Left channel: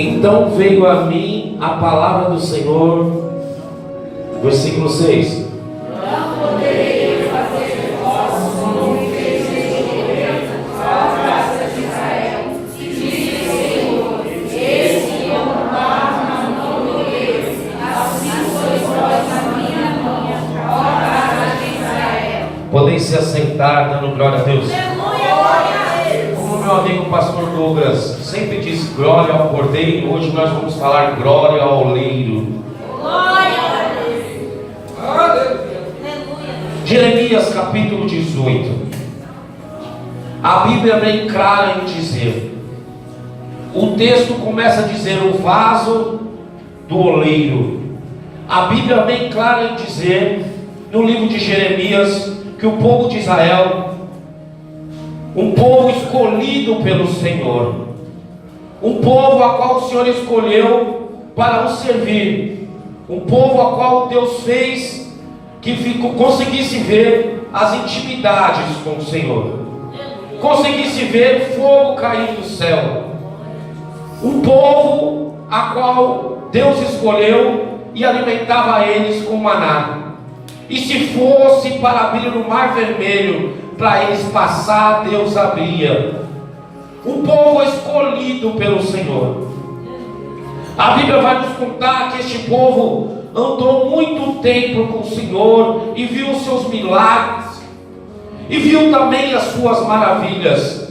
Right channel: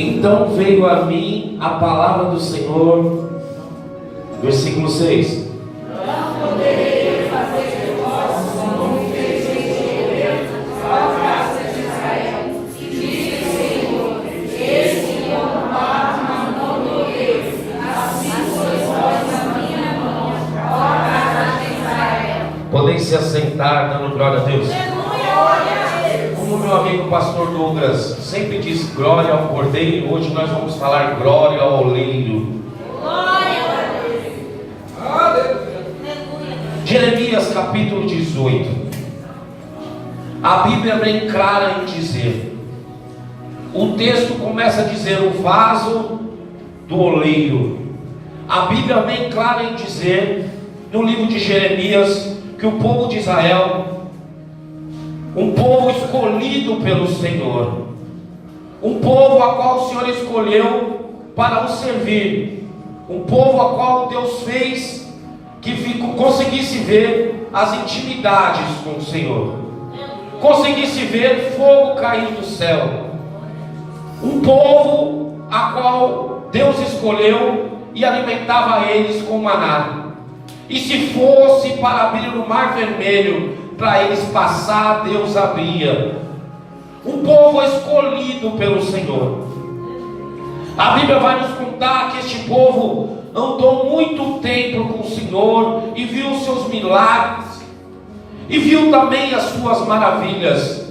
Então veio a mim a palavra do Senhor, versículo 6. Não podereis fazer vós como fez a graça de Israel, e diz o Senhor: eis que eu tomava na mão do rei, assim sois vós na minha mão, ó casa de Israel. Podem se assentar, dando glória a Deus. Como meu amigo pastor Douglas sempre diz, glória ao cordeiro, hoje nós vamos falar glória ao oleiro. Jeremias capítulo 18. A Bíblia é bem clara em dizer, o texto começa a dizer o vaso do oleiro. A Bíblia é bem clara em dizer, no livro de Jeremias, que o povo de Israel, um povo escolhido pelo Senhor, um povo a qual o Senhor escolheu para o servir, um povo a qual Deus fez que conseguisse ver as intimidades com o Senhor, conseguisse ver fogo cair do céu, um povo a qual Deus escolheu e alimentava eles com maná. E se fosse para abrir o mar vermelho para eles passar, Deus abria. Um povo escolhido pelo Senhor. A Bíblia vai nos contar que este povo andou muito tempo com o Senhor e viu os seus milagres e viu também as suas maravilhas.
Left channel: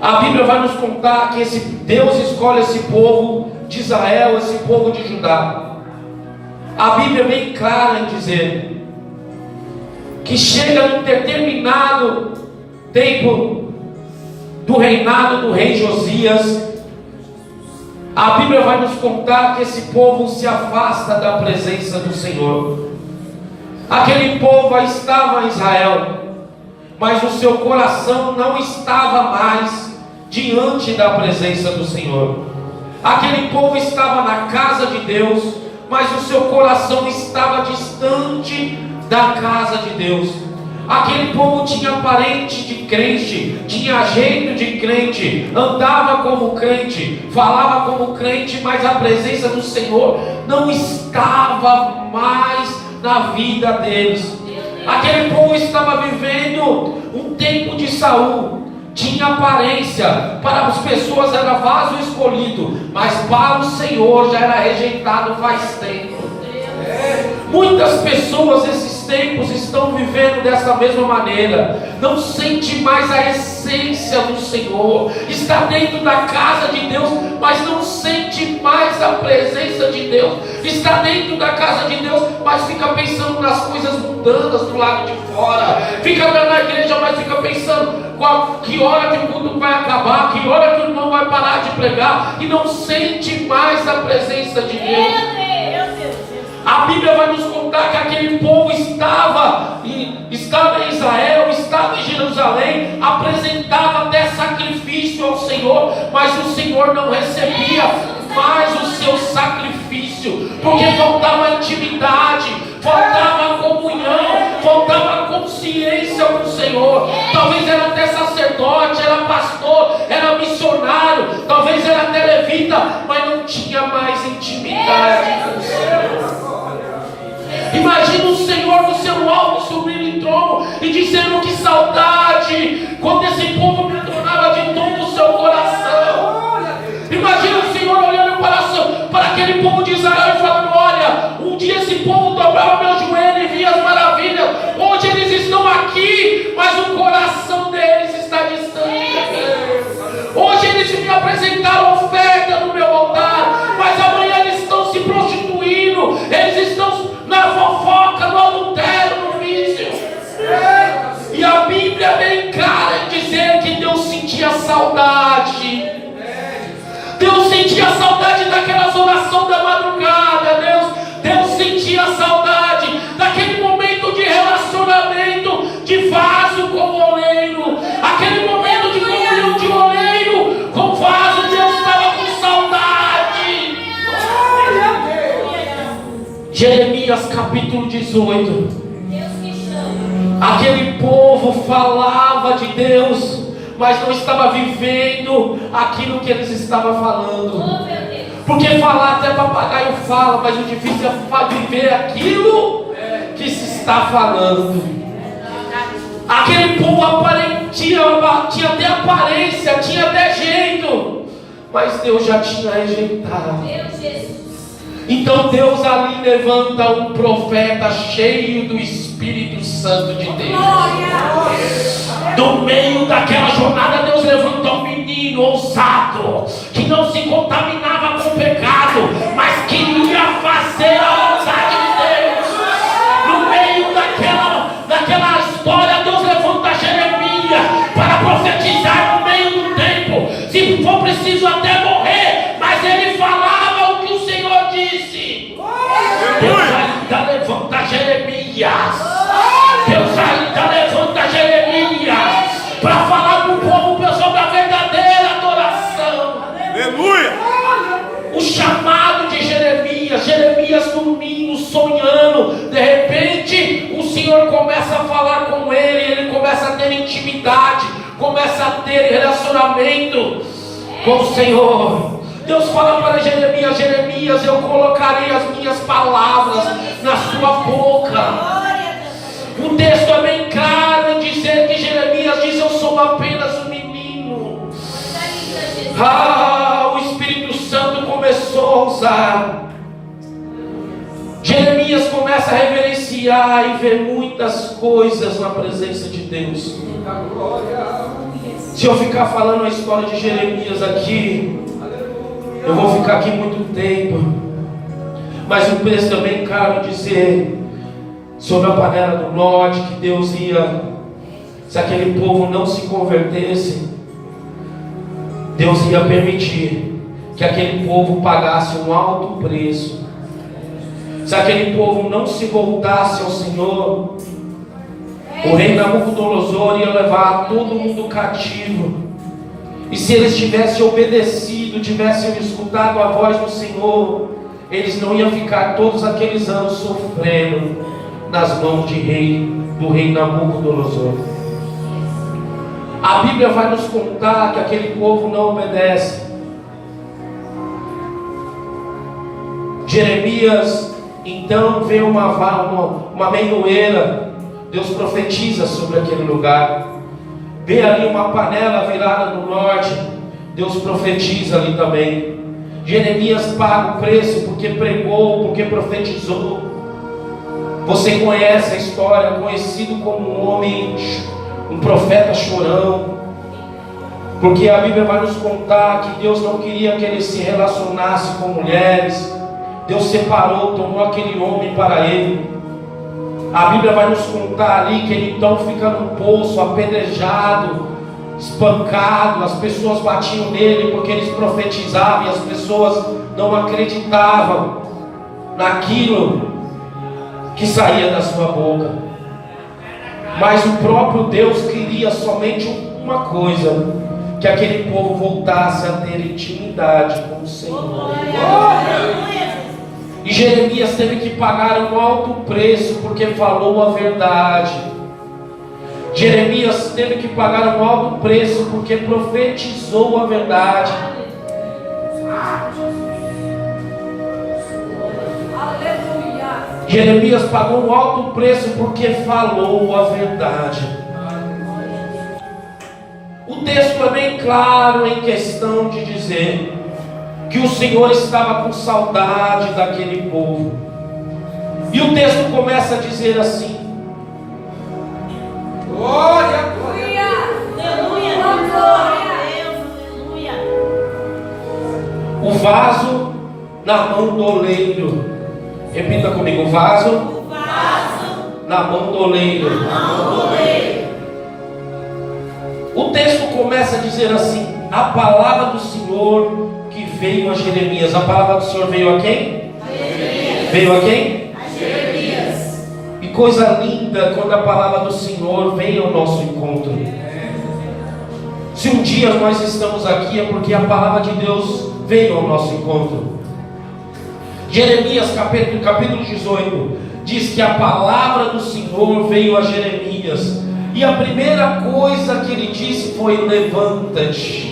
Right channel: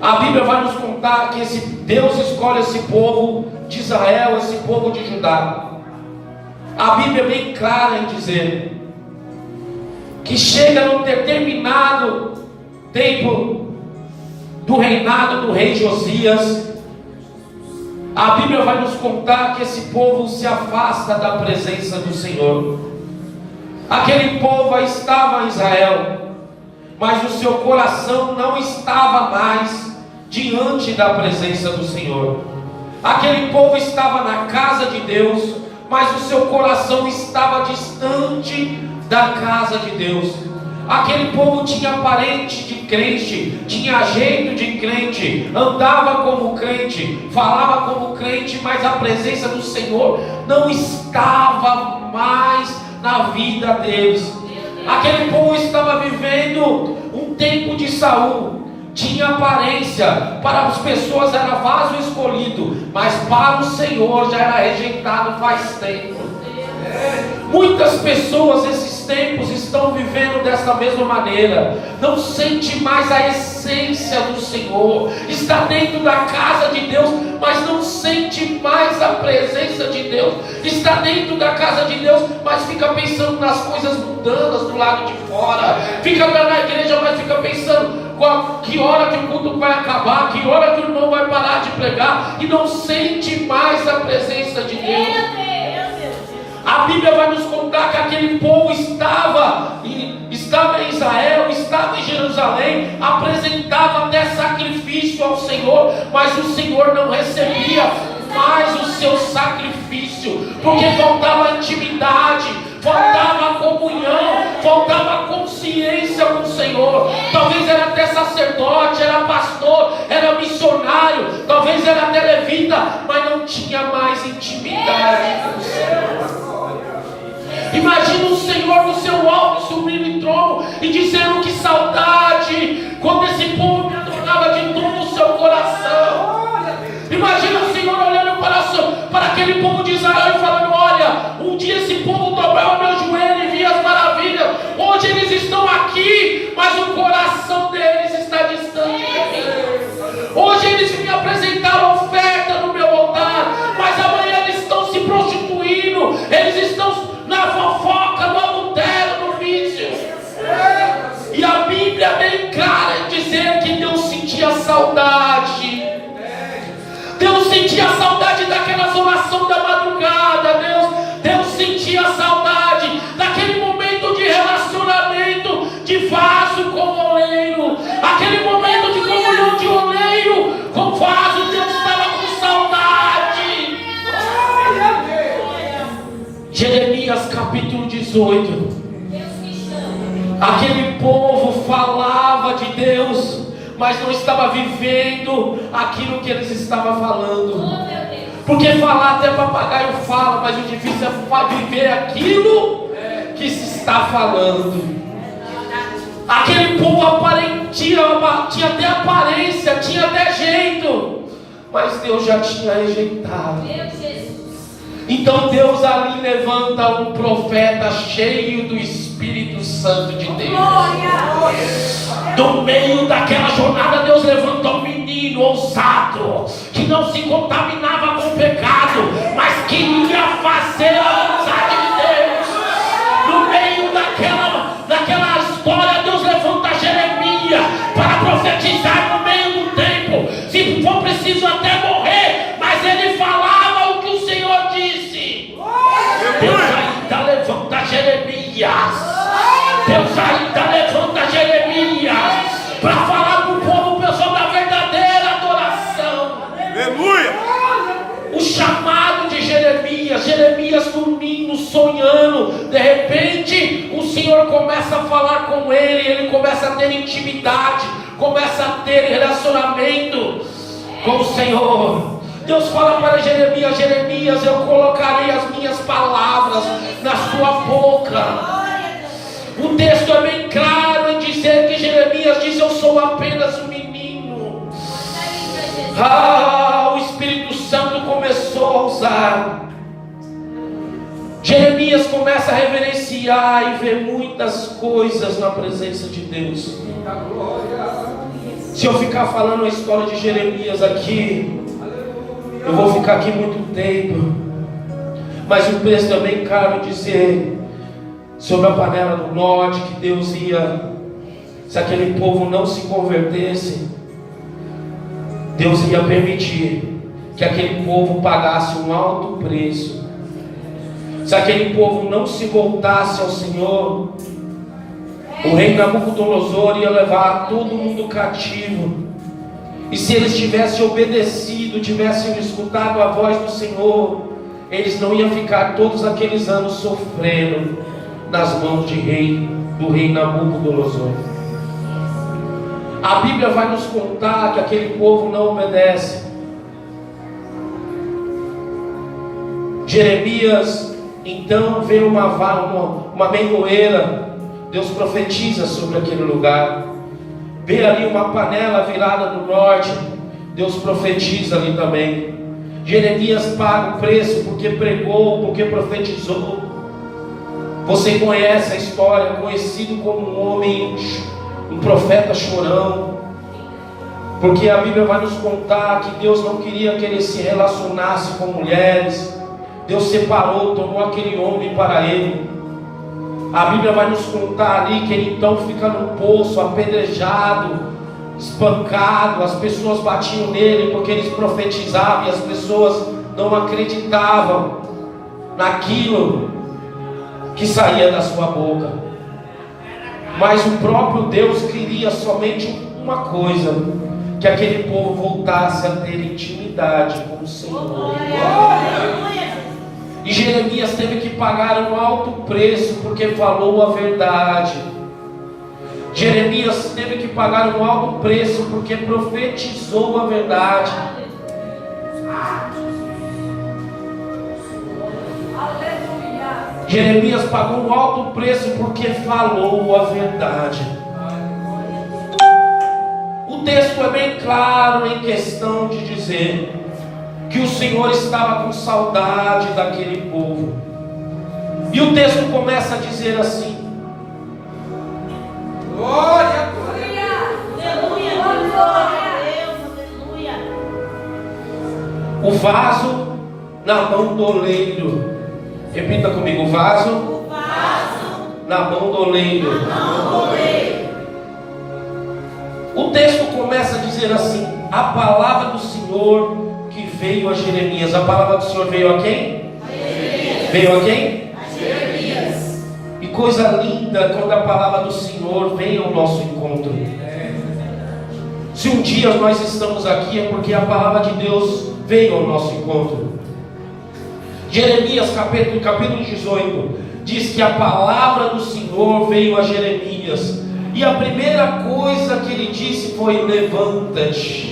A Bíblia vai nos contar que Deus escolhe esse povo de Israel, esse povo de Judá. A Bíblia é bem clara em dizer que chega num determinado tempo do reinado do rei Josias, a Bíblia vai nos contar que esse povo se afasta da presença do Senhor. Aquele povo estava em Israel, mas o seu coração não estava mais diante da presença do Senhor. Aquele povo estava na casa de Deus, mas o seu coração estava distante da casa de Deus. Aquele povo tinha aparente de crente, tinha jeito de crente, andava como crente, falava como crente, mas a presença do Senhor não estava mais na vida deles. Aquele povo estava vivendo um tempo de Saul. Tinha aparência, para as pessoas era vaso escolhido, mas para o Senhor já era rejeitado faz tempo. Muitas pessoas esses tempos estão vivendo dessa mesma maneira, não sente mais a essência do Senhor, está dentro da casa de Deus, mas não sente mais a presença de Deus, está dentro da casa de Deus, mas fica pensando nas coisas mundanas do lado de fora, fica na igreja, mas fica pensando que hora que o culto vai acabar, que hora que o irmão vai parar de pregar, e não sente mais a presença de Deus. A Bíblia vai nos contar que aquele povo estava em Israel, estava em Jerusalém, apresentava até sacrifício ao Senhor, mas o Senhor não recebia mais o seu sacrifício, porque faltava intimidade, faltava comunhão, faltava consciência com o Senhor. Talvez era até sacerdote, era pastor, era missionário, talvez era até levita, mas não tinha mais intimidade com o Senhor. Imagina o Senhor no seu alto subindo em trono e dizendo: que saudade, quando esse povo me adorava de todo o seu coração. Imagina o Senhor olhando para aquele povo de Israel e falando: olha, um dia esse povo dobrava meu joelho e via as maravilhas, hoje eles estão aqui, mas o coração deles está distante. Hoje eles me apresentaram oferta no meu altar, mas amanhã eles estão se prostituindo, eles estão na fofoca, no adultério, no vício. E a Bíblia é bem clara em dizer que Deus sentia saudade. Deus sentia saudade daquelas orações da madrugada. Deus sentia saudade daquele momento de relacionamento de vaso com oleiro, aquele momento de comunhão de oleiro com vaso. Deus estava com saudade. Jeremias capítulo 18. Aquele povo falava de Deus, mas não estava vivendo aquilo que eles estavam falando. Porque falar até papagaio fala, mas o difícil é viver aquilo que se está falando. Aquele povo tinha até aparência, tinha até jeito, mas Deus já tinha rejeitado. Então Deus ali levanta um profeta cheio do Espírito Santo de Deus. Do meio daquela jornada, Deus levanta um menino ousado, que não se contaminava com o pecado, mas queria fazer a vontade de Deus. No meio daquela história, Deus levanta Jeremias para profetizar no meio do tempo, se for preciso até morrer, mas ele falava o que o Senhor disse. Deus ainda levanta Jeremias. Deus ainda levanta Jeremias para falar para o povo, pessoal, da verdadeira adoração. Aleluia! O chamado de Jeremias dormindo, sonhando, de repente o Senhor começa a falar com ele começa a ter intimidade, começa a ter relacionamento com o Senhor. Deus fala para Jeremias, eu colocarei as minhas palavras na sua boca. O texto é bem claro em dizer que Jeremias diz: eu sou apenas um menino. O Espírito Santo começou a usar. Jeremias começa a reverenciar e ver muitas coisas na presença de Deus. Se eu ficar falando a história de Jeremias aqui, eu vou ficar aqui muito tempo. Mas o texto é bem claro em dizer sobre a panela do norte, que Deus ia, se aquele povo não se convertesse, Deus ia permitir que aquele povo pagasse um alto preço. Se aquele povo não se voltasse ao Senhor, o rei Nabucodonosor ia levar todo mundo cativo. E se eles tivessem obedecido, tivessem escutado a voz do Senhor, eles não iam ficar todos aqueles anos sofrendo nas mãos do rei Nabucodonosor. A Bíblia vai nos contar que aquele povo não obedece. Jeremias então vê uma meioeira. Deus profetiza sobre aquele lugar. Vê ali uma panela virada no norte. Deus profetiza ali também. Jeremias paga o preço porque pregou, porque profetizou. Você conhece a história, conhecido como um homem, um profeta chorão, porque a Bíblia vai nos contar que Deus não queria que ele se relacionasse com mulheres. Deus separou, tomou aquele homem para ele. A Bíblia vai nos contar ali que ele então fica no poço, apedrejado, espancado. As pessoas batiam nele porque eles profetizavam e as pessoas não acreditavam naquilo que saía da sua boca. Mas o próprio Deus queria somente uma coisa: que aquele povo voltasse a ter intimidade com o Senhor. E Jeremias teve que pagar um alto preço porque falou a verdade. Jeremias teve que pagar um alto preço porque profetizou a verdade. Jeremias pagou um alto preço porque falou a verdade. O texto é bem claro em questão de dizer que o Senhor estava com saudade daquele povo. E o texto começa a dizer assim: glória, o vaso na mão do oleiro. Repita comigo: o vaso na mão do oleiro. O texto começa a dizer assim: a palavra do Senhor que veio a Jeremias. A palavra do Senhor veio a quem? Veio a quem? A Jeremias. E coisa linda quando a palavra do Senhor vem ao nosso encontro. Se um dia nós estamos aqui é porque a palavra de Deus veio ao nosso encontro. Jeremias capítulo 18 diz que a palavra do Senhor veio a Jeremias E a primeira coisa que ele disse foi: levanta-te.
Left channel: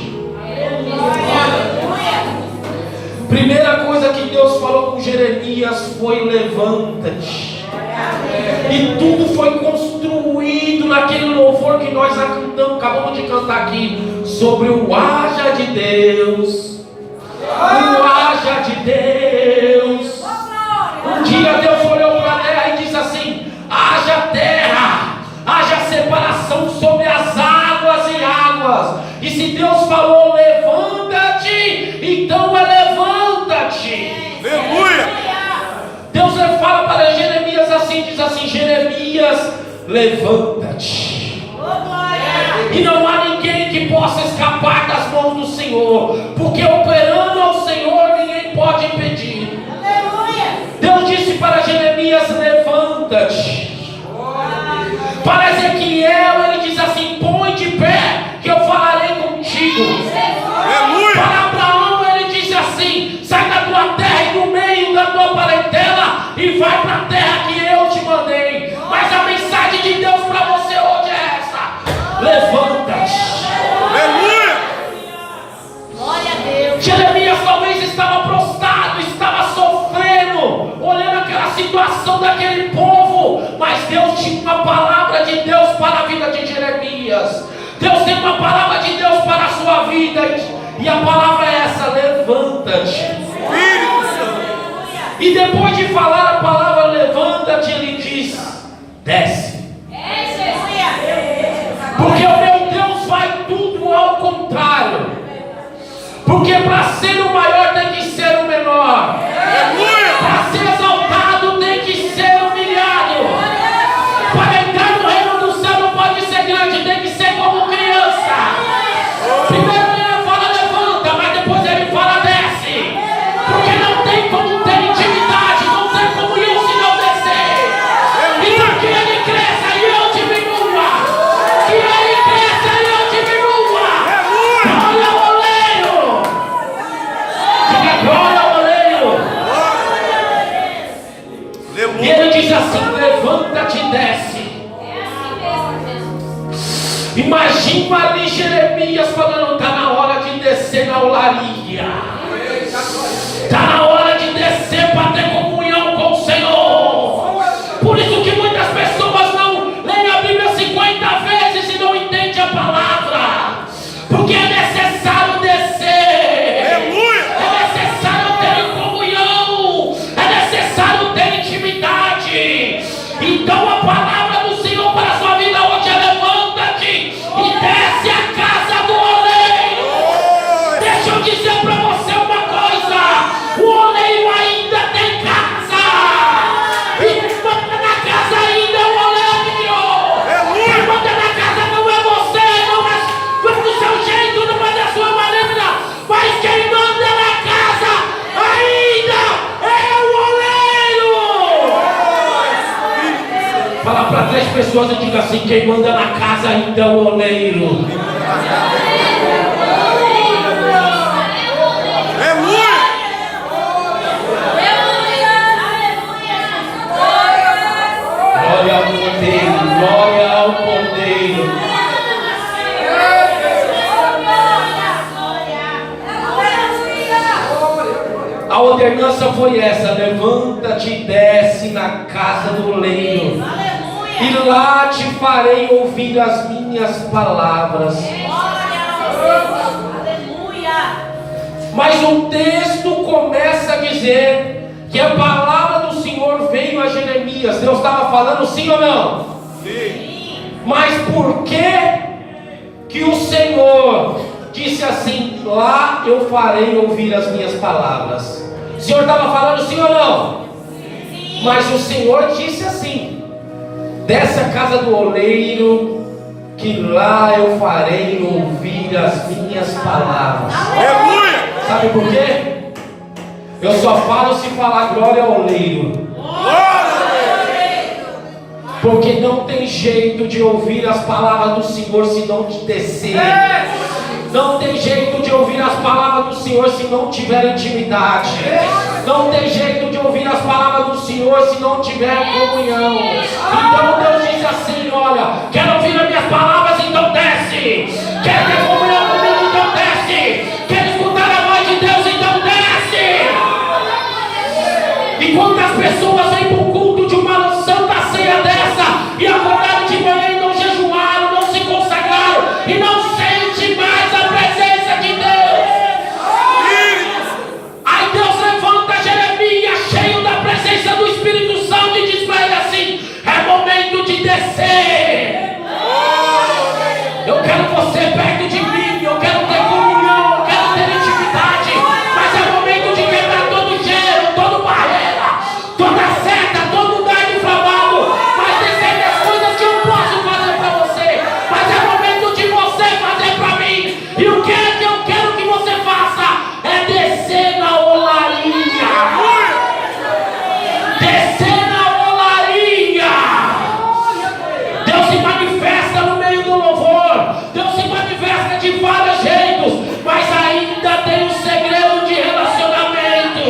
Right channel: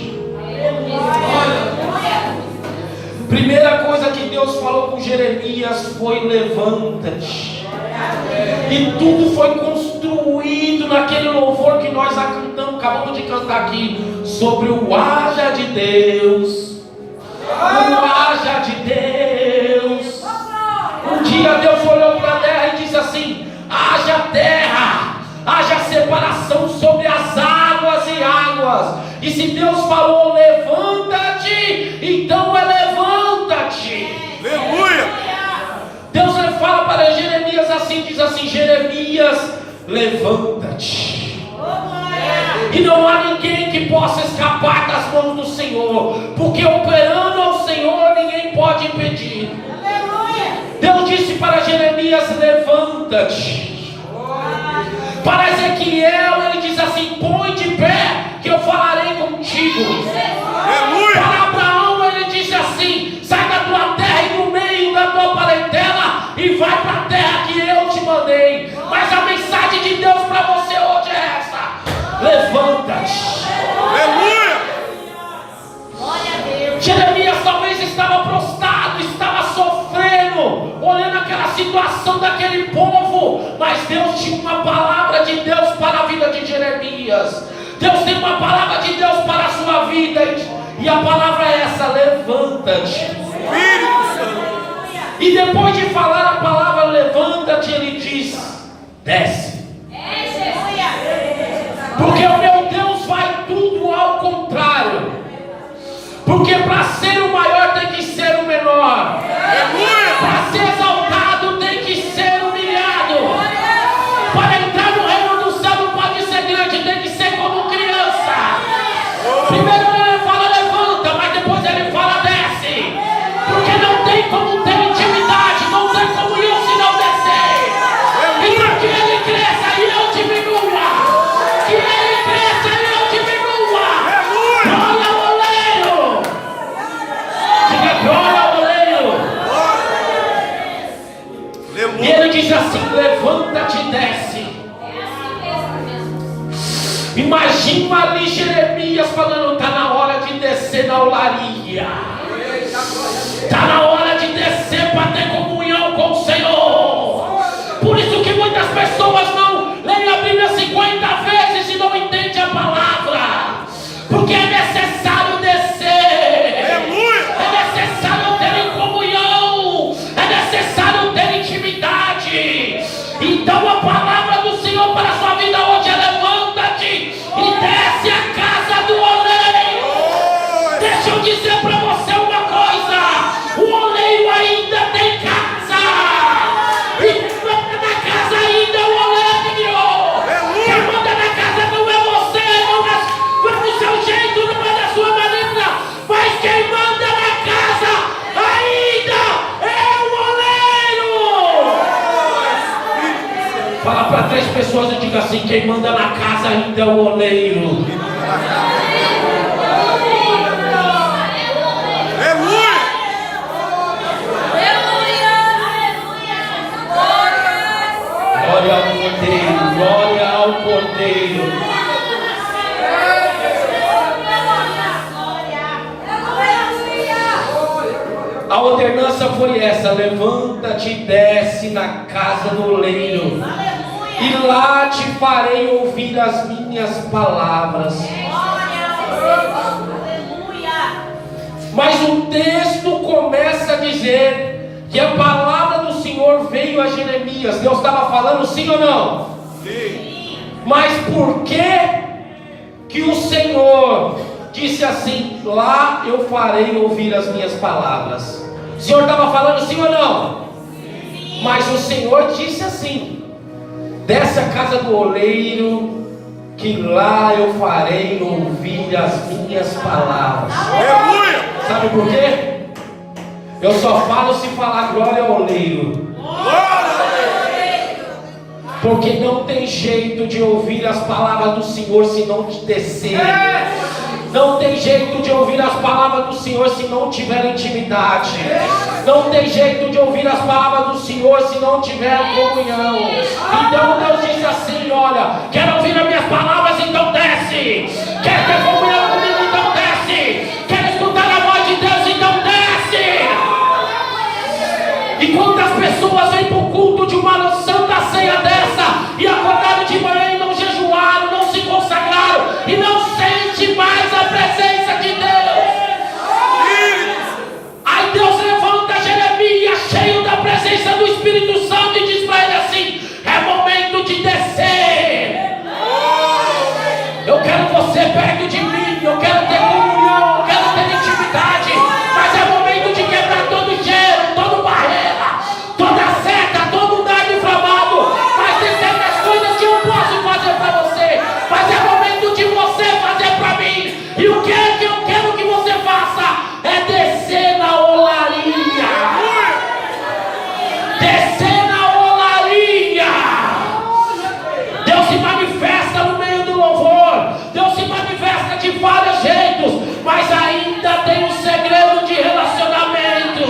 Primeira coisa que Deus falou com Jeremias foi: levanta-te. E tudo foi construído naquele louvor que nós acabamos de cantar aqui, sobre o haja de Deus. O haja de Deus. Um dia Deus olhou para a terra e disse assim: haja terra, haja separação sobre as águas e águas. E se Deus falou levanta-te, então é levanta-te. Aleluia! Deus fala para Jeremias assim, diz assim: Jeremias, levanta-te. E não há ninguém que possa escapar das mãos do Senhor, porque operando ao Senhor ninguém pode impedir. Deus disse para Jeremias: levanta-te. Para Ezequiel ele diz assim: põe de pé, que eu falarei contigo. Aleluia! Para Abraão ele disse assim: sai da tua terra e no meio da tua parentela e vai para a terra que eu te mandei. Mas a mensagem de Deus para você hoje é essa: levanta-te. Aleluia! Jeremias talvez estava prostrado, estava sofrendo, olhando aquela situação daquele povo, mas Deus tinha uma palavra de Deus para a vida de Jeremias. Deus tem uma palavra de Deus para a sua vida, e a palavra é essa: levanta-te. Espírito Santo! E depois de falar a palavra levanta-te, ele diz: desce. Porque o meu Deus vai tudo ao contrário. Porque para ser o maior tem que ser o menor. Aleluia! Para ser exaltado tem que ser humilhado. Para entrar no reino do céu não pode ser grande, tem que ser como criança. Primeiro ele fala levanta, mas depois ele fala desce. Porque não tem como ter intimidade, não tem comunhão se não descer. E que ele cresça e eu diminua. Que ele cresça e eu diminua. Glória ao oleiro. Glória ao oleiro. Aleluia! E ele diz assim: levanta-te e desce. Imagina ali Jeremias falando: está na hora de descer na olaria. Está na hora de descer para ter comunhão com o Senhor. Por isso que muitas pessoas não leem a Bíblia 50 vezes e não entendem a palavra. Porque é necessário descer. Aleluia! É necessário ter comunhão. É necessário ter intimidade. Então a palavra do Senhor para a sua vida hoje é: levanta-te e desce a casa do oleiro. Deixa eu dizer para você uma coisa: o oleiro ainda tem casa. E quem manda na casa ainda é o oleiro. Quem manda na casa não é você, não é do seu jeito, não é da sua maneira, mas quem manda na casa ainda é o oleiro. Fala para 3 pessoas e diga assim: quem manda na casa ainda é o oleiro. Quem manda na casa é Aleluia! Glória ao Cordeiro, glória ao Cordeiro. A ordenança foi essa: levanta-te e desce na casa do oleiro, e lá te farei ouvir as minhas palavras. Mas o texto começa a dizer que a palavra do Senhor veio a Jeremias. Deus estava falando, sim ou não? Sim! Mas por que o Senhor disse assim: lá eu farei ouvir as minhas palavras? O Senhor estava falando, sim ou não? Sim. Mas o Senhor disse assim: desce a casa do oleiro, que lá eu farei ouvir as minhas palavras. Aleluia! Sabe por quê? Eu só falo se falar glória ao oleiro. Glória! Porque não tem jeito de ouvir as palavras do Senhor se não te descer. Não tem jeito de ouvir as palavras do Senhor se não tiver intimidade. Não tem jeito de ouvir as palavras do Senhor se não tiver comunhão. Então Deus diz assim: olha, quero ouvir as minhas palavras, então desce. Quer ter comunhão comigo, então desce. Quer escutar a voz de Deus, então desce. E quando as pessoas vêm para o culto de uma santa ceia dessa e acordaram de manhã e não jejuaram, não se consagraram e não sente mais a presença de Deus, aí Deus levanta Jeremias cheio da presença do Espírito Santo e diz para ele assim: é momento de descer. Eu quero você perto de mim, eu quero ter comunhão, eu quero ter intimidade, mas é momento de quebrar todo gelo, toda barreira, toda seta, todo dardo inflamado. Mas tem certas coisas que eu posso fazer para você, mas é momento de você fazer para mim. E o que é que eu quero que você faça? É descer na olaria. Descer na olaria. Deus se manifesta no meio do louvor, Deus se manifesta de vários jeitos, mas ainda tem um segredo de relacionamento.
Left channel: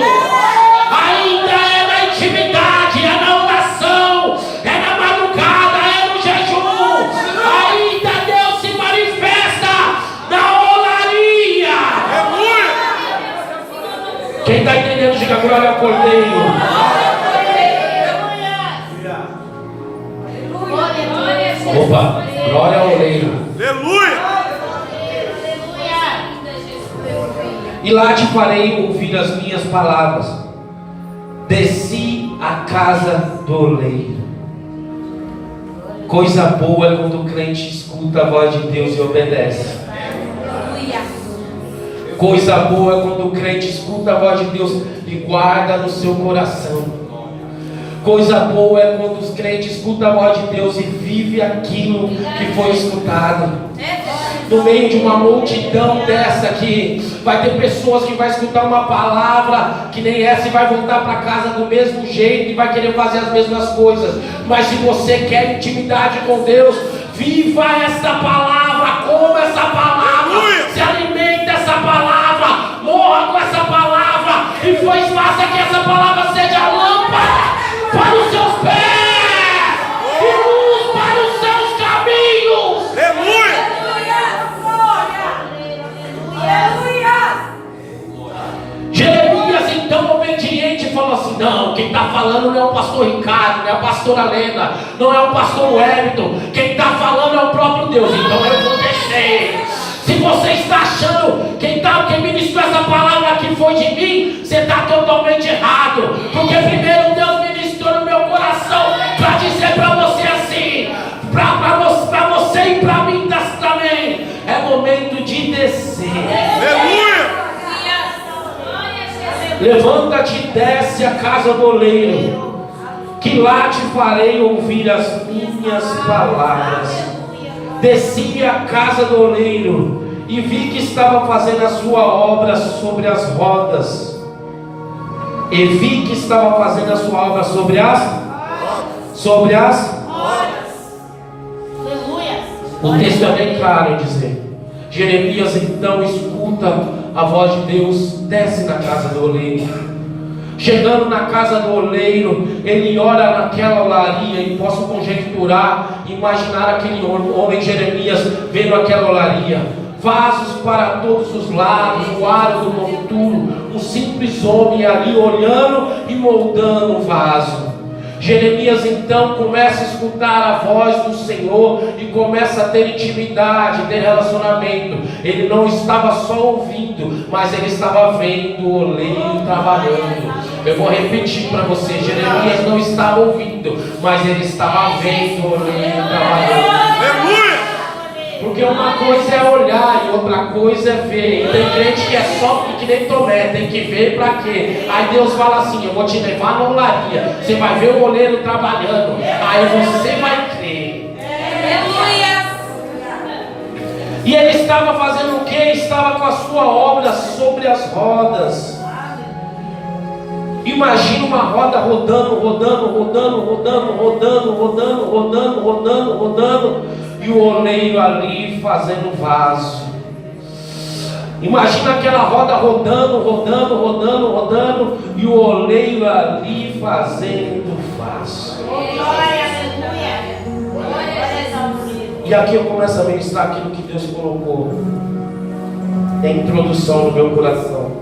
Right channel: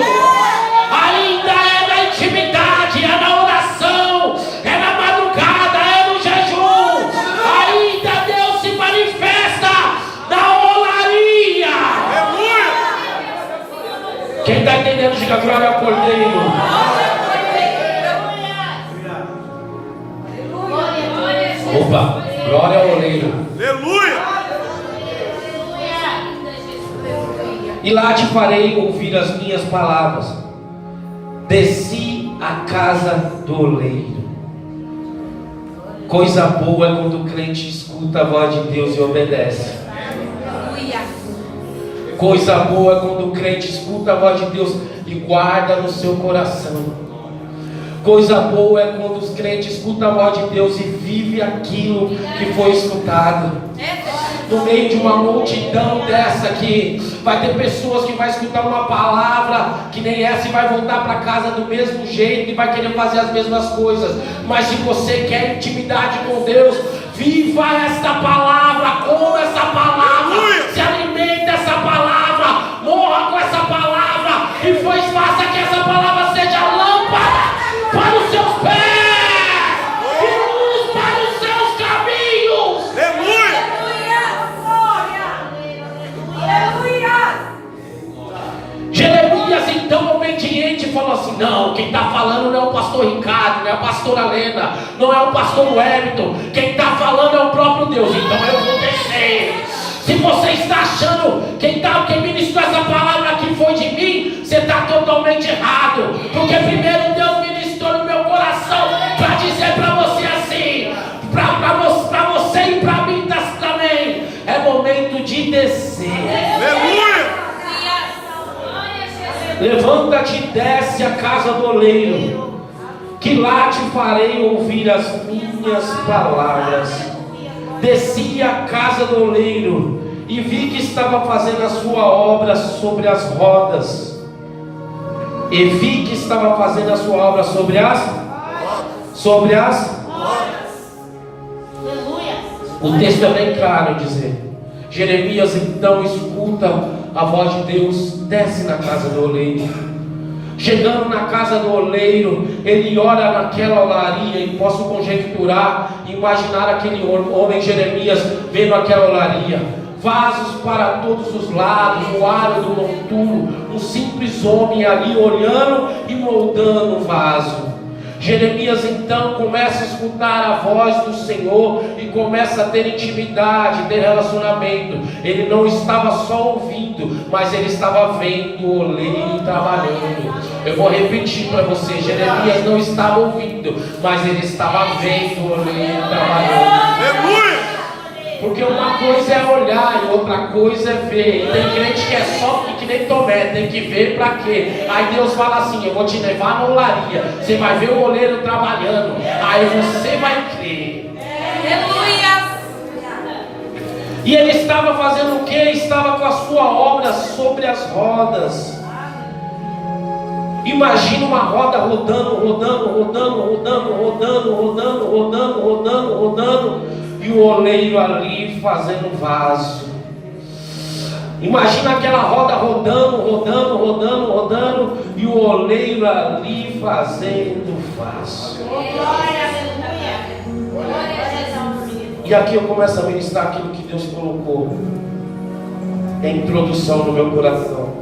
Ainda é na intimidade, é na oração, é na madrugada, é no jejum. Ainda Deus se manifesta na olaria. Aleluia! Quem está entendendo, diga glória ao Cordeiro. Opa, glória ao oleiro. Aleluia! E lá te farei ouvir as minhas palavras. Desci à casa do oleiro. Coisa boa é quando o crente escuta a voz de Deus e obedece. Coisa boa é quando o crente escuta a voz de Deus e guarda no seu coração. Coisa boa é quando os crentes escutam a voz de Deus e vive aquilo que foi escutado. No meio de uma multidão dessa aqui, vai ter pessoas que vai escutar uma palavra que nem essa e vai voltar para casa do mesmo jeito e vai querer fazer as mesmas coisas. Mas se você quer intimidade com Deus, viva essa palavra, coma essa palavra, se alimenta essa palavra, morra com essa palavra e faça que essa palavra seja lâmpada para os seus pés e luz para os seus caminhos. Aleluia! Jeremias, então obediente, falou assim: não, quem está falando não é o pastor Ricardo, não é a pastora Lena, não é o pastor Wellington, quem está falando é o próprio Deus, então eu vou descer. Se você está achando quem ministrou essa palavra aqui foi de mim, você está totalmente errado, porque primeiro Deus ministrou no meu coração para dizer para você assim, para você e para mim também, é momento de descer. Aleluia! Levanta-te e desce à casa do oleiro, que lá te farei ouvir as minhas palavras. Desci à casa do oleiro e vi que estava fazendo a sua obra sobre as rodas. O texto é bem claro dizer. Jeremias então escuta a voz de Deus, desce na casa do oleiro. Chegando na casa do oleiro, ele ora naquela olaria, e posso conjecturar, imaginar aquele homem Jeremias vendo aquela olaria, vasos para todos os lados, o aro do monturo, um simples homem ali olhando e moldando o vaso. Jeremias então começa a escutar a voz do Senhor e começa a ter intimidade, ter relacionamento. Ele não estava só ouvindo, mas ele estava vendo o oleiro trabalhando. Eu vou repetir para você: Jeremias não estava ouvindo, mas ele estava vendo o oleiro trabalhando. Aleluia! Porque uma coisa é olhar e outra coisa é ver. E tem crente que é só que nem Tomé, tem que ver para quê? Aí Deus fala assim: eu vou te levar na olaria, você vai ver o oleiro trabalhando, aí você vai crer. E ele estava fazendo o que? Estava com a sua obra sobre as rodas. Imagina uma roda rodando, e o oleiro ali fazendo vaso. Imagina aquela roda rodando, rodando, rodando, rodando, e o oleiro ali fazendo vaso. E aqui eu começo a ministrar aquilo que Deus colocou em introdução no meu coração.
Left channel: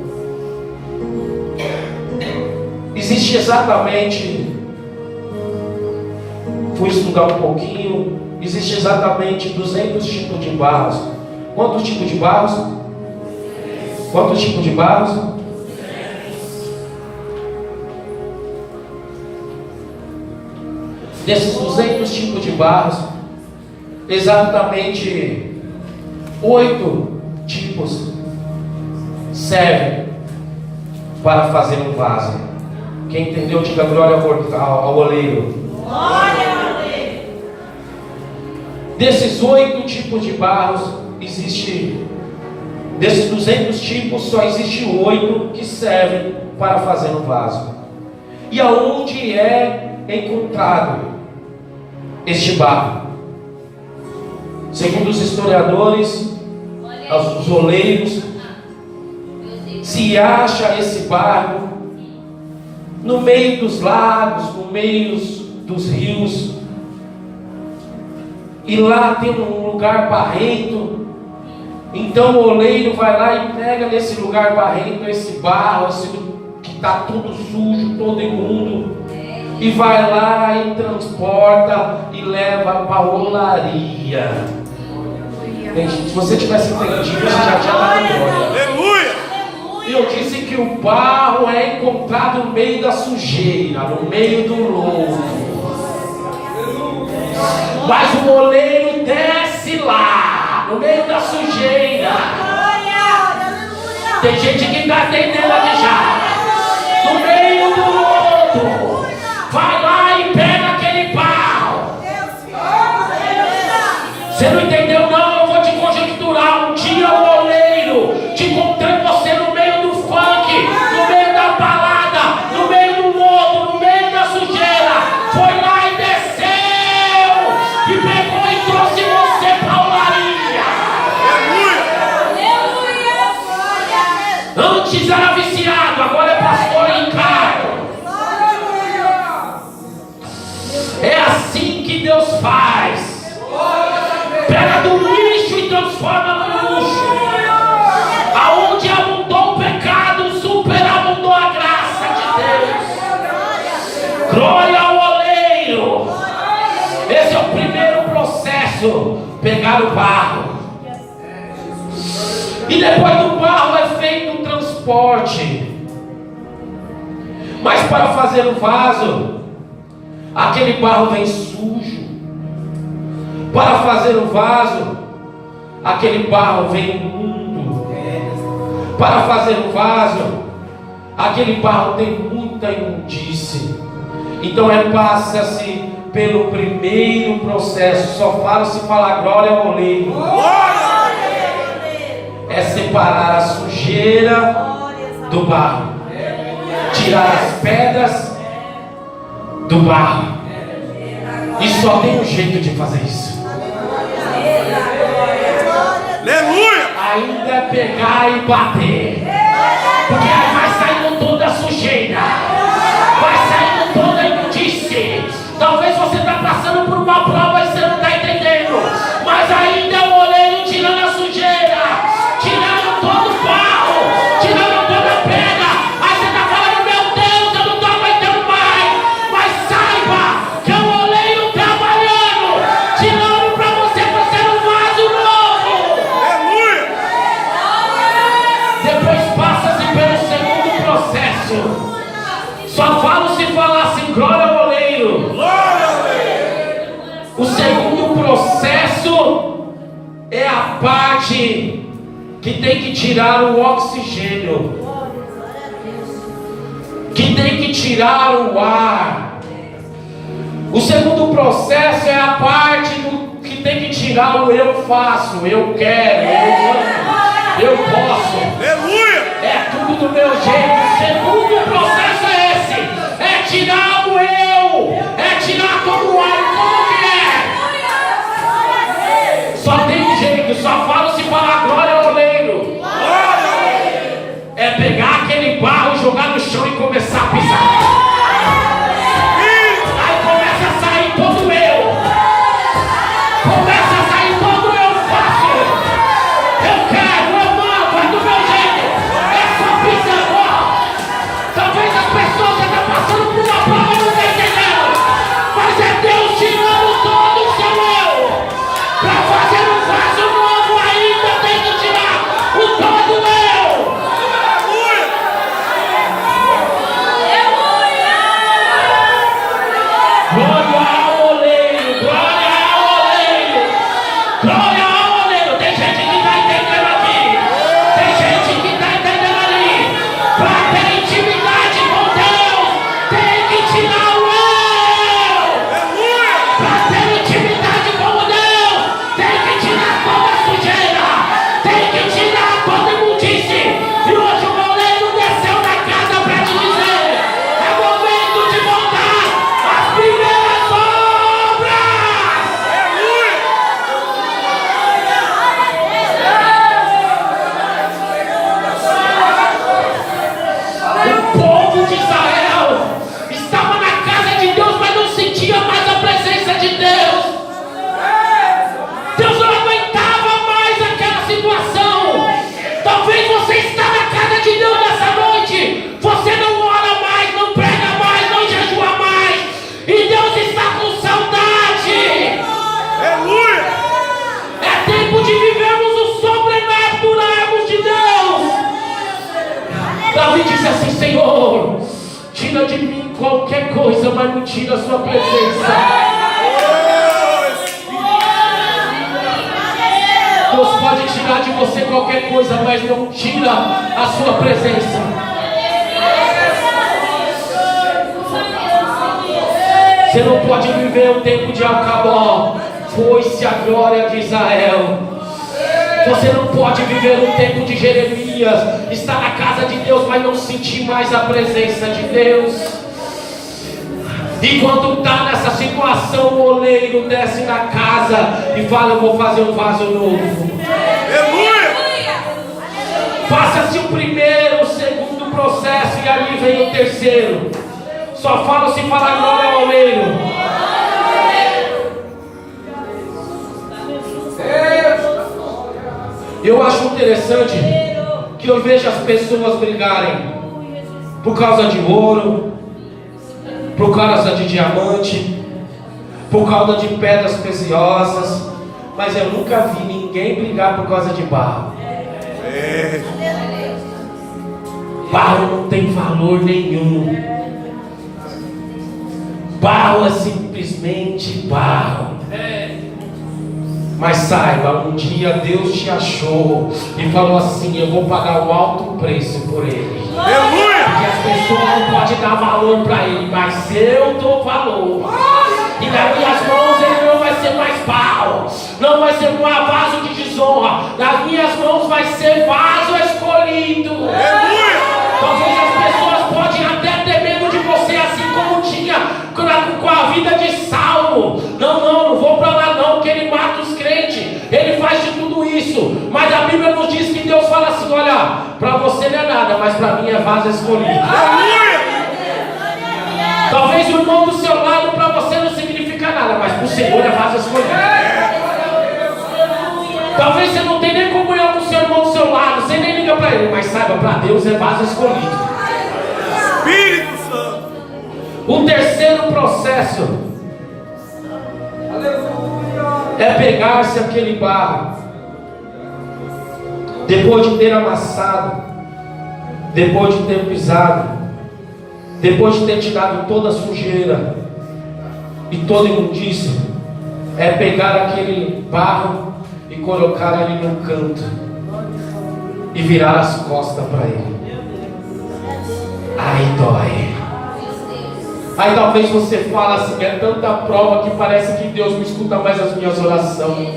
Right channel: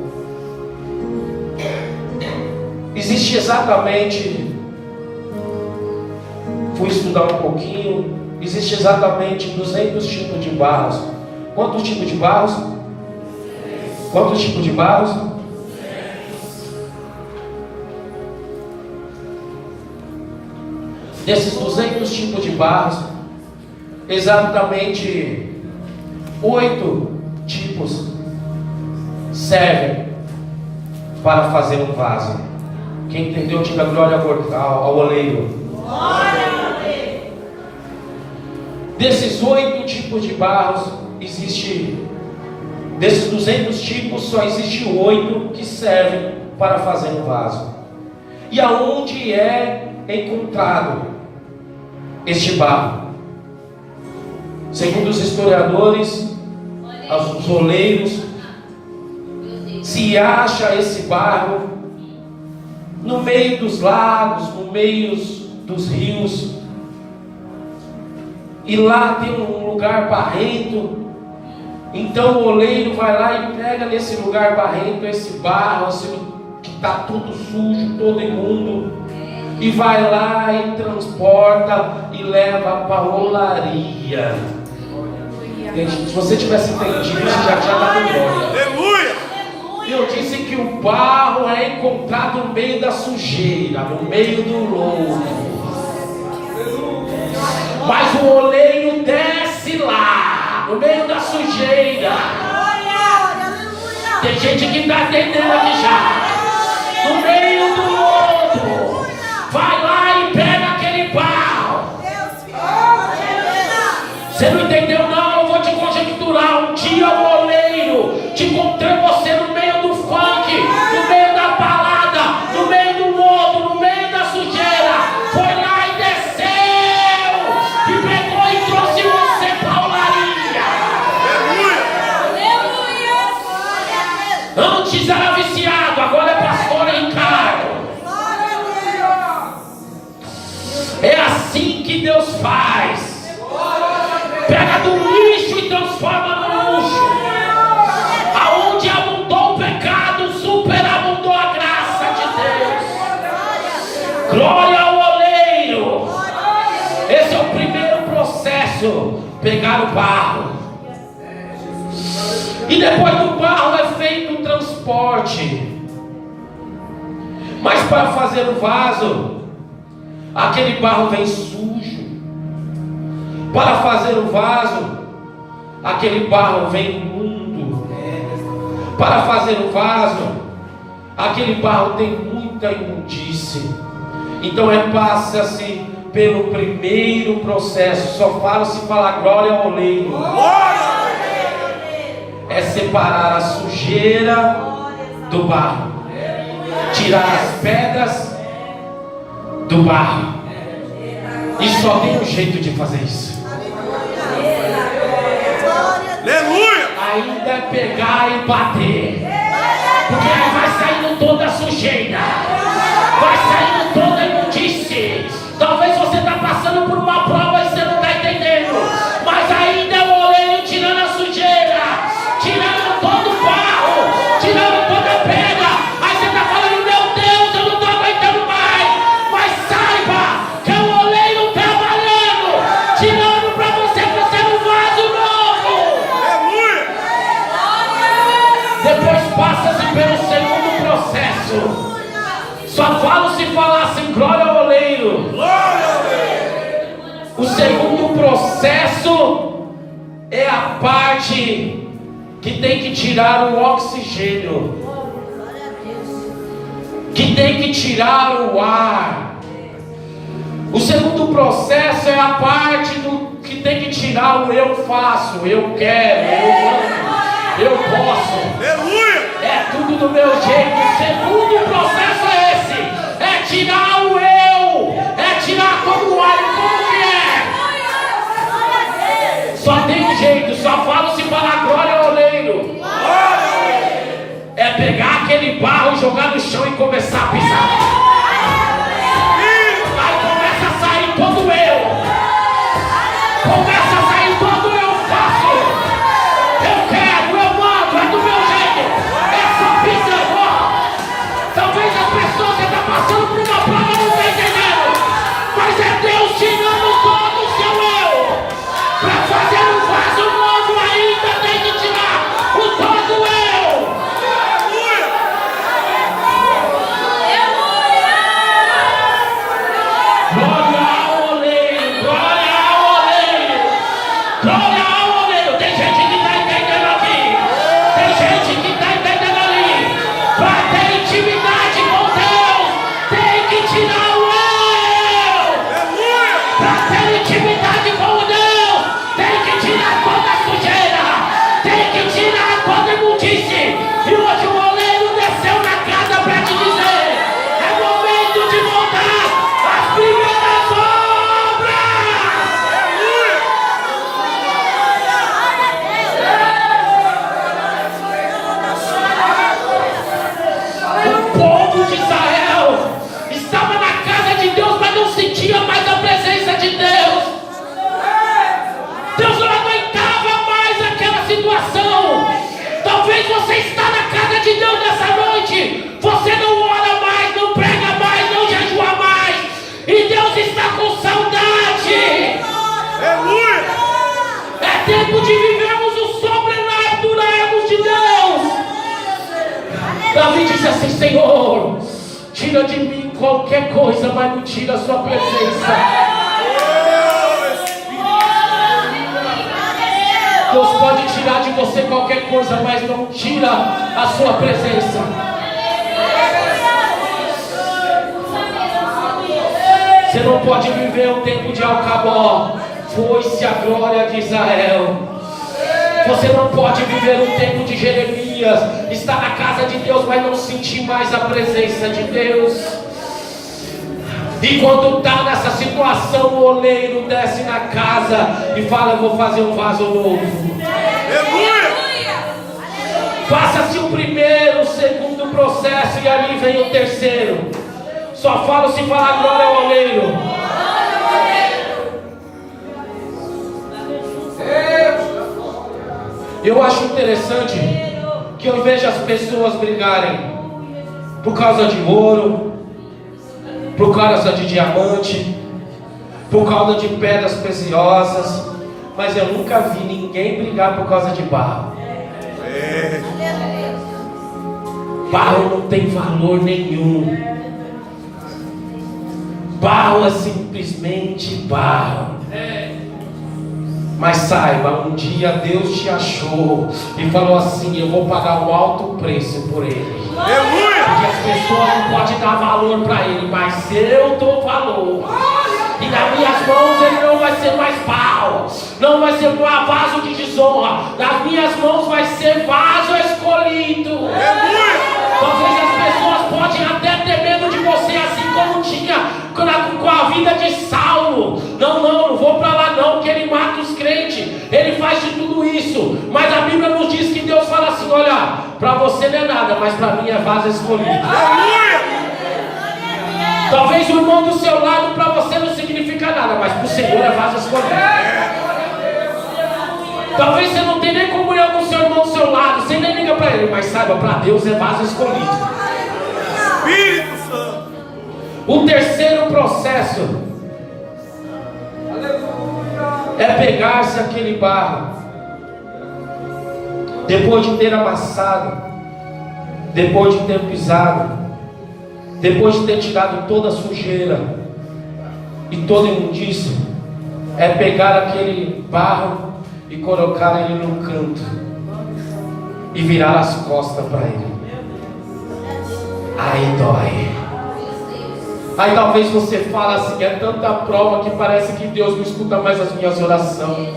Existe exatamente, fui estudar um pouquinho, existe exatamente 200 tipos de barros. Quantos tipos de barros? Quantos tipos de barros? Desses 200 tipos de barros, exatamente 8 tipos servem para fazer um vaso. Quem entendeu, diga glória ao oleiro. Desses 8 tipos de barros, desses 200 tipos, só existe 8 que servem para fazer um vaso. E aonde é encontrado este barro? Segundo os historiadores, os oleiros, se acha esse barro no meio dos lagos, no meio dos rios, e lá tem um lugar barrento. Então o oleiro vai lá e pega nesse lugar barrento esse barro assim, que está tudo sujo, todo imundo, e vai lá e transporta e leva para a olaria. Gente, se você tivesse entendido, você já tinha dado glória. Aleluia! Eu disse que o barro é encontrado no meio da sujeira, no meio do lodo. Mas o oleiro desce lá, no meio da sujeira. Tem gente que está entendendo aqui já. No meio do lodo, vai lá e pega aquele barro. Você não entendeu não? Eu vou te conjecturar. Um dia o oleiro te encontrei você no meio do funk, no meio da balada, no meio do lodo, no meio da sujeira. Foi lá e desceu e pegou e trouxe você para a olaria. Aleluia! Antes era viciado, agora é pastor em cargo. É assim que Deus faz. Pega do lixo e transforma no luxo. Aonde abundou o pecado, superabundou a graça de Deus. Glória ao oleiro. Esse é o primeiro processo. Pegar o barro. E depois do barro é feito o transporte. Mas para fazer o vaso, aquele barro vem sujo. Para fazer o vaso, aquele barro vem imundo. Para fazer o vaso, aquele barro tem muita imundície. Então passa-se pelo primeiro processo. Só falo se falar glória ao oleiro. É separar a sujeira do barro, tirar as pedras do barro. E só tem um jeito de fazer isso. Aleluia! Ainda é pegar e bater. Porque ele vai saindo toda a sujeira, vai saindo toda a imundície. Talvez você está passando por uma prova e você não está entendendo. Mas ainda é o oleiro tirando a sujeira, tirando todo o barro, tirando toda a pedra. Aí você está falando, meu Deus, eu não estou aguentando mais. Mas saiba que é o oleiro trabalhando, tirando para você fazer um vaso novo. Aleluia! Depois passa-se pelo segundo processo. Só falo se falasse glória ao oleiro. Glória ao oleiro! O segundo processo é a parte que tem que tirar o oxigênio, que tem que tirar o ar. O segundo processo é a parte que tem que tirar o eu faço, eu quero, eu posso. Aleluia! É tudo do meu jeito. O segundo processo é esse. É tirar o eu. É tirar todo o ar. Como que é? Só tem um jeito. Só falo se falar glória ao oleiro. Glória tempo de vivermos o sobrenatural de Deus. Davi disse assim: Senhor, tira de mim qualquer coisa, mas não tira a sua presença. Deus pode tirar de você qualquer coisa, mas não tira a sua presença. Você não pode viver o tempo de Alcabó. Foi-se a glória de Israel. Você não pode viver o tempo de Jeremias, estar na casa de Deus, mas não sentir mais a presença de Deus. E quando está nessa situação, o oleiro desce na casa e fala: eu vou fazer um vaso novo. Aleluia! Passa-se o primeiro, o segundo processo e ali vem o terceiro. Só fala se falar glória ao oleiro. Eu acho interessante que eu vejo as pessoas brigarem por causa de ouro, por causa de diamante, por causa de pedras preciosas, mas eu nunca vi ninguém brigar por causa de barro. Barro não tem valor nenhum. Barro é simplesmente barro. Mas saiba, um dia Deus te achou e falou assim: eu vou pagar um alto preço por ele. Aleluia! Porque as pessoas não podem dar valor para ele, mas eu dou valor. E nas minhas mãos ele não vai ser mais barro, não vai ser um vaso de desonra. Nas minhas mãos vai ser vaso escolhido. Aleluia! Talvez as pessoas podem até ter medo de você, assim como tinha com a vida de Saulo. Não vou para lá não, que ele mata os crentes, ele faz de tudo isso. Mas a Bíblia nos diz que Deus fala assim: olha, para você não é nada, mas para mim é vaso escolhido. Aleluia! Talvez o irmão do seu lado para você não significa nada, mas para o Senhor é vaso escolhido. Talvez você não tenha nem comunhão com o seu irmão do seu lado, você nem liga para ele, mas saiba, para Deus é vaso escolhido. Espírito Santo! O terceiro processo é pegar-se aquele barro, depois de ter amassado, depois de ter pisado, depois de ter tirado toda a sujeira e toda a imundícia, é pegar aquele barro e colocar ele no canto e virar as costas para ele. Aí dói. Aí talvez você fala assim: é tanta prova que parece que Deus não escuta mais as minhas orações.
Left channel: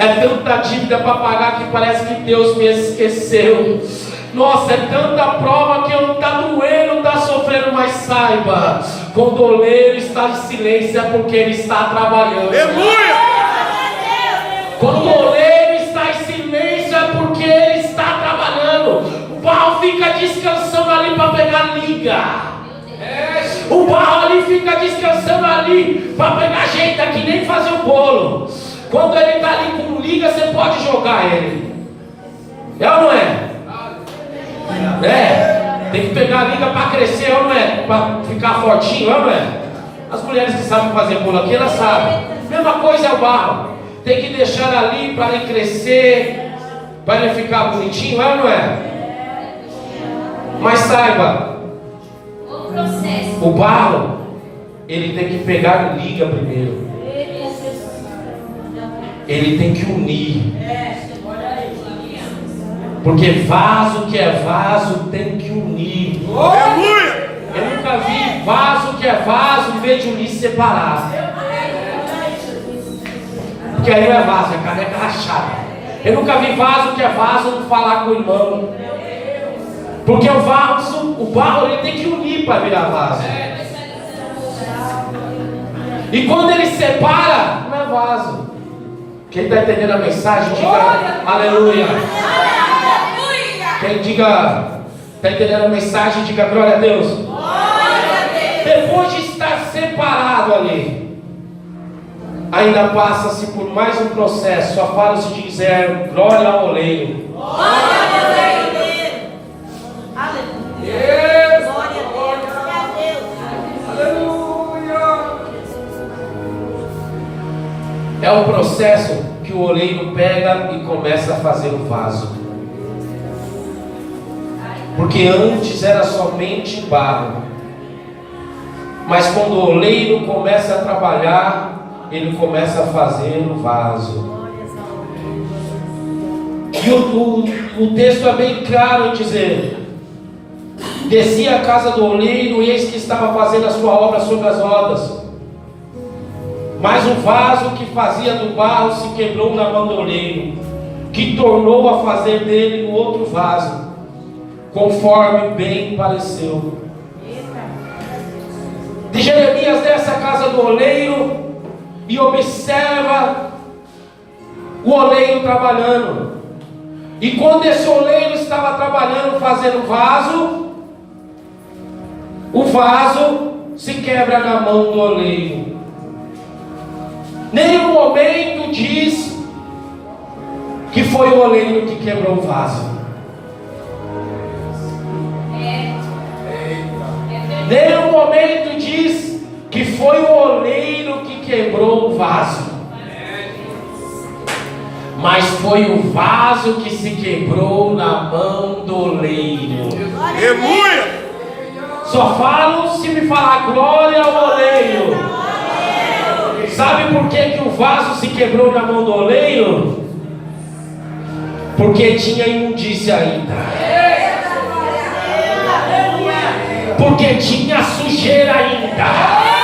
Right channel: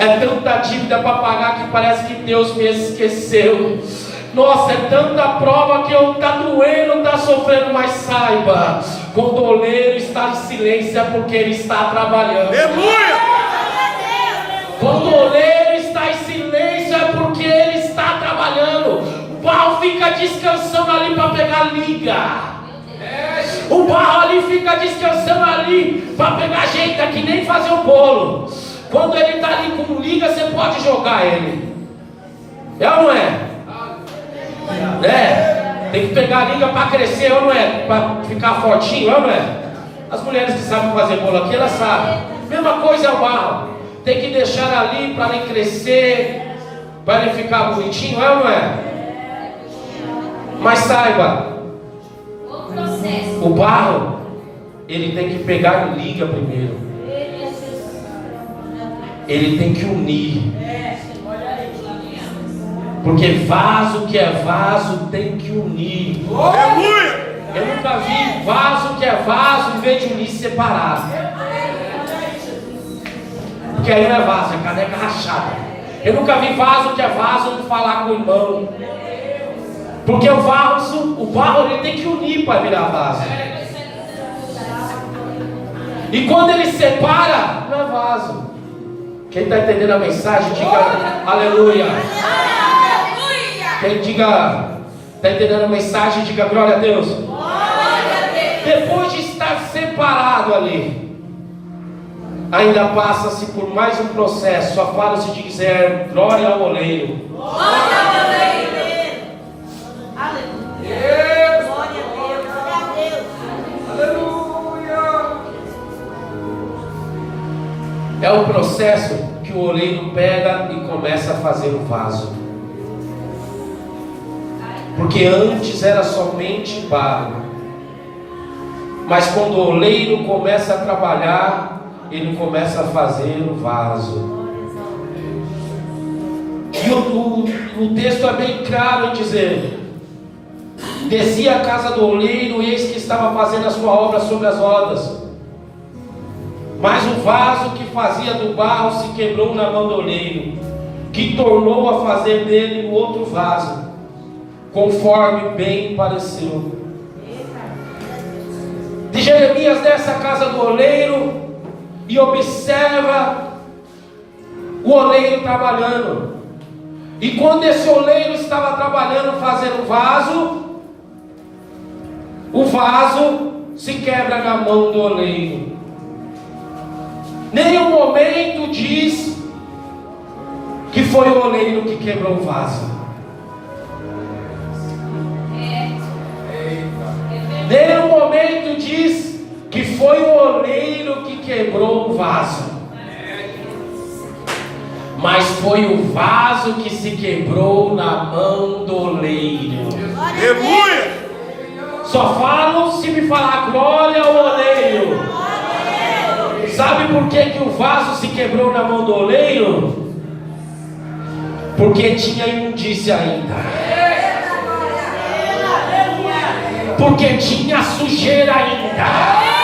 É tanta dívida para pagar que parece que Deus me esqueceu. Nossa, é tanta prova que eu está doendo, está sofrendo. Mas saiba, quando o oleiro está em silêncio é porque ele está trabalhando. Aleluia! Quando o oleiro está em silêncio é porque ele está trabalhando. O barro fica descansando ali para pegar liga. O barro ali fica descansando ali para pegar jeito, que nem fazer o bolo. Quando ele está ali com liga, você pode jogar ele. É ou não é? É. Tem que pegar a liga para crescer, é ou não é? Para ficar fortinho, é ou não é? As mulheres que sabem fazer bolo aqui, elas sabem. Mesma coisa é o barro. Tem que deixar ali para ele crescer, para ele ficar bonitinho, é ou não é? Mas saiba, o barro, ele tem que pegar liga primeiro. Ele tem que unir. Porque vaso que é vaso tem que unir. Aleluia! Eu nunca vi vaso que é vaso em vez de unir separado. Porque aí não é vaso, é caneca rachada. Eu nunca vi vaso que é vaso falar com o irmão. Porque o barro ele tem que unir para virar vaso. E quando ele separa, não é vaso. Quem está entendendo a mensagem, diga aleluia. Quem está entendendo a mensagem, diga glória a Deus. Depois de estar separado ali, ainda passa-se por mais um processo. Só fala-se de dizer glória ao oleiro. É o processo que que o oleiro pega e começa a fazer o vaso. Porque antes era somente barro. Mas quando o oleiro começa a trabalhar, ele começa a fazer o vaso. E o texto é bem claro em dizer: descia a casa do oleiro, e eis que estava fazendo a sua obra sobre as rodas. Mas o vaso que fazia do barro se quebrou na mão do oleiro, que tornou a fazer dele um outro vaso, conforme bem pareceu. De Jeremias desce a casa do oleiro e observa o oleiro trabalhando. E quando esse oleiro estava trabalhando, fazendo o vaso se quebra na mão do oleiro. Nenhum momento diz que foi o oleiro que quebrou o vaso. Nenhum momento diz que foi o oleiro que quebrou o vaso. Mas foi o vaso que se quebrou na mão do oleiro. Aleluia! Só falo se me falar glória ao oleiro. Sabe por que o vaso se quebrou na mão do oleiro? Porque tinha imundícia ainda. Porque tinha sujeira ainda.